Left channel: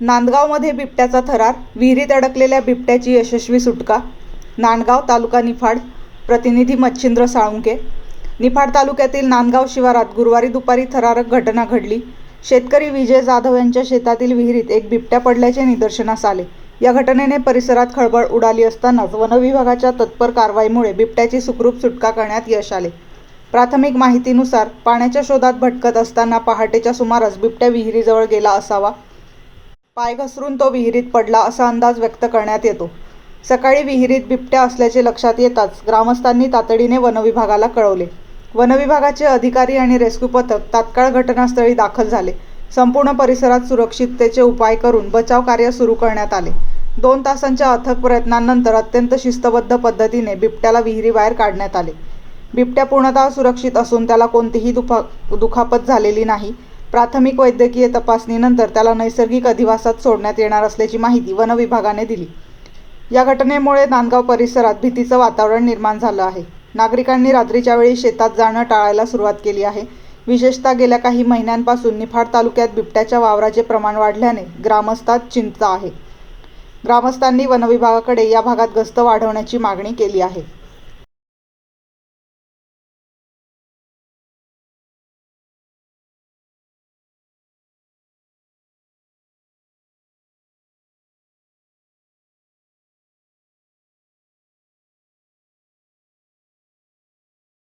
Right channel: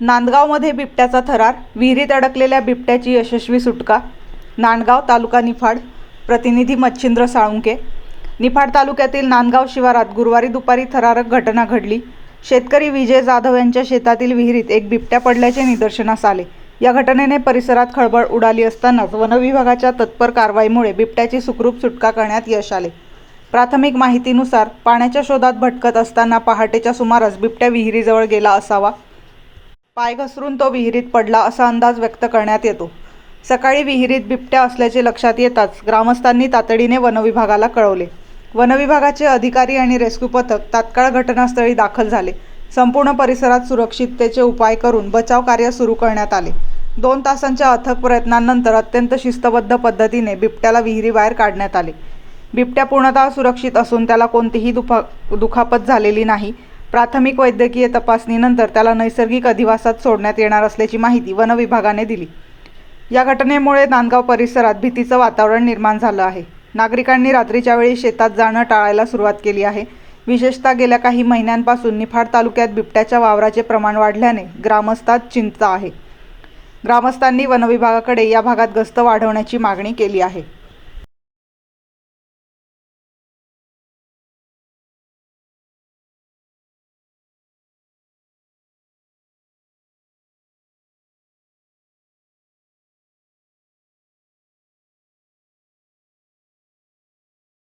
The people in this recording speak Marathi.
नांदगावमध्ये बिबट्याचा थरार विहिरीत अडकलेल्या बिबट्याची यशस्वी सुटका. नांदगाव तालुका निफाड प्रतिनिधी मच्छिंद्र साळुंके. निफाड तालुक्यातील नांदगाव शिवारात गुरुवारी दुपारी थरारक घटना घडली. शेतकरी विजय जाधव यांच्या शेतातील विहिरीत एक बिबट्या पडल्याचे निदर्शनास आले. या घटनेने परिसरात खळबळ उडाली असतानाच वनविभागाच्या तत्पर कारवाईमुळे बिबट्याची सुखरूप सुटका करण्यात यश आले. प्राथमिक माहितीनुसार पाण्याच्या शोधात भटकत असताना पहाटेच्या सुमारास बिबट्या विहिरीजवळ गेला असावा. पाय घसरून तो विहिरीत पडला असा अंदाज व्यक्त करण्यात येतो. सकाळी विहिरीत बिबट्या असल्याचे लक्षात येताच ग्रामस्थांनी तातडीने वनविभागाला कळवले. वनविभागाचे अधिकारी आणि रेस्क्यू पथक तात्काळ घटनास्थळी दाखल झाले. संपूर्ण परिसरात सुरक्षिततेचे उपाय करून बचाव कार्य सुरू करण्यात आले. दोन तासांच्या अथक प्रयत्नांनंतर अत्यंत शिस्तबद्ध पद्धतीने बिबट्याला विहिरीबाहेर काढण्यात आले. बिबट्या पूर्णतः सुरक्षित असून त्याला कोणतीही दुफा दुखापत झालेली नाही. प्राथमिक वैद्यकीय तपासणीनंतर त्याला नैसर्गिक अधिवासात सोडण्यात येणार असल्याची माहिती वनविभागाने दिली. या घटनेमुळे नांदगाव परिसरात भीतीचं वातावरण निर्माण झालं आहे. नागरिकांनी रात्रीच्या वेळी शेतात जाणं टाळायला सुरुवात केली आहे. विशेषतः गेल्या काही महिन्यांपासून निफाड तालुक्यात बिबट्याच्या वावराचे प्रमाण वाढल्याने ग्रामस्थात चिंता आहे. ग्रामस्थांनी वनविभागाकडे या भागात गस्त वाढवण्याची मागणी केली आहे.